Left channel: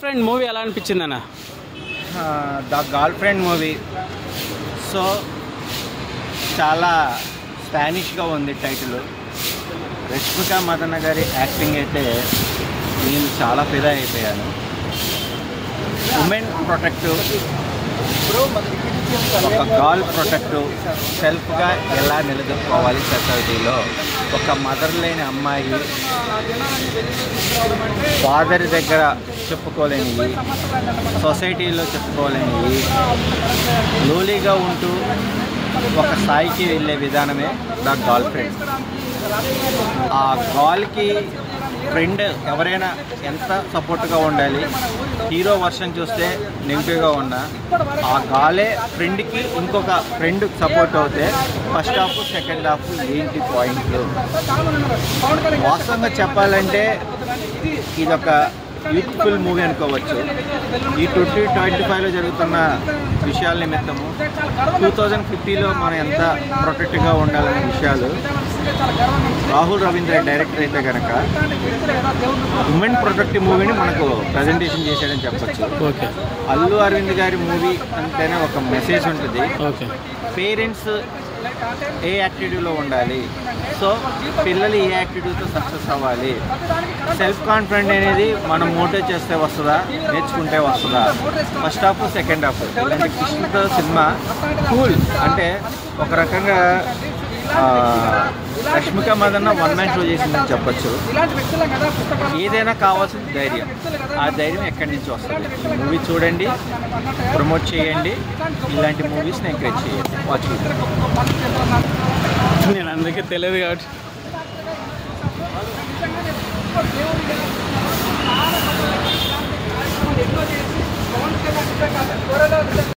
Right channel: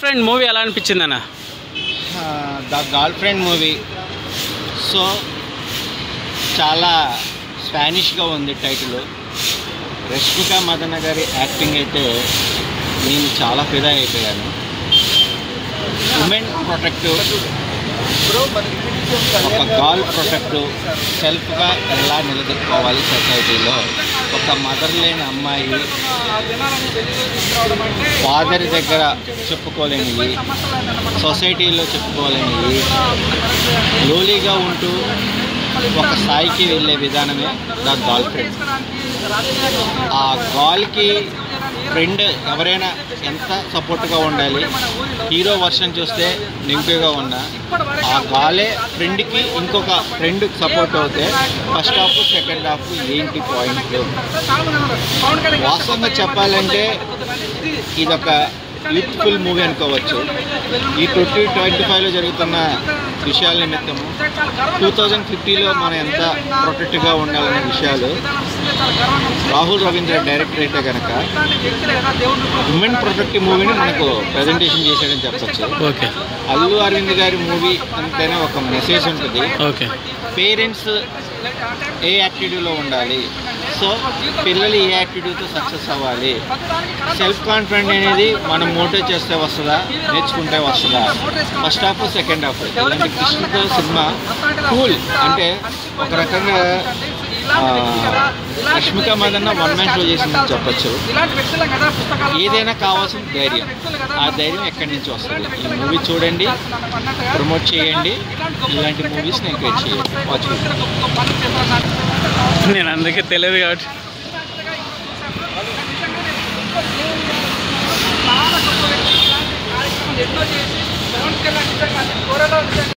Friend movie ఎలా అనిపించింది అన్న? The girl friend movie. So చాలా స్పానిష్గా ఉంది టైటిల్. రష్మిక మదన్న గారి యాక్టింగ్ అయితే నేను చాలా ఫిదా అయిపోయాను. ఉమెన్ ప్రొటెక్టివ్, ఒక గర్ల్ ప్రొటెక్టివ్, సెల్ఫ్గా ఎలా నిలదొక్కుకోవాలి సొసైటీలో. ఒక మదర్ లేని అమ్మాయి ఫాదర్ దగ్గర చెప్పుకోలేనివి, సొసైటీలో చెప్పుకోలేనివి, లోలీగా ఉంటూ ఒక స్థాయికి వెళ్ళే విధానమే ద గర్ల్ ఫ్రెండ్. ఆ గర్ల్కి ఫ్రెండ్ ఎవరైనా ఎంత సపోర్ట్గా ఉండాలి. హీరో వర్షన్ చూస్తే నెగిటివ్గా ఉన్నా ఆ గాలే ఫ్రెండ్కి ఇంకొక ఫ్రెండ్ సపోర్ట్ అవుతే ఫస్ట్ హాఫ్ సెకండ్ హాఫ్ ఏంటి పాయింట్లు. వాస్తవంగా చెప్పాలంటే ఇదొక యూత్ఫుల్ మూవీ అనుకోవచ్చు. ఈ 2025లో జరుగుతున్న విషయాల నిమిత్తము 2050లో మనం ఎంత ప్రొటెక్ట్గా ఉండాలనే విషయాలు రాహుల్ రవీంద్ర డైరెక్టర్ అయితే కనుక ఉమెన్ ప్రొటెక్టివ్ మూవీని మనకు ప్రజెంటేషన్ చేశాడని చెప్పచ్చు. ఓకే. అల్లు అరవింద్ గారి మూవీ అంటేనే ఒక మెసేజ్ ఉంటుంది. ఓకే. పేరెంట్స్ ఏ యాక్టివిటీలో ఉండాలి, సో పిల్లలు ఏ యాక్టివిటీతో సక్సెస్ అవ్వాలి, సెల్ఫ్ కాన్ఫిడెంట్ అనేది మనం మోటివేట్ చేస్తే వస్తుందా, నేర్చుకుంటే వస్తుందా. ఫస్ట్ హాఫ్ సెకండ్ హాఫ్ ఇలాంటి కృష్ణతో సినిమా కూల్. అంటే ఒక రకంగా Rashmika Madanna one man show చేసిందని చెప్పచ్చు. ఏదైనా కావాల్సిన ధైర్యం, ఆ ధైర్యం ఎక్కడి నుంచి వస్తుంది. ఈ మూవీ చూడండి, ప్రమోట్ చేయండి, ఇలాంటి మూవీస్ని ఎంకరేజ్ చేయండి. వాచ్. నేను అందుకే తెలియదు కాబట్టి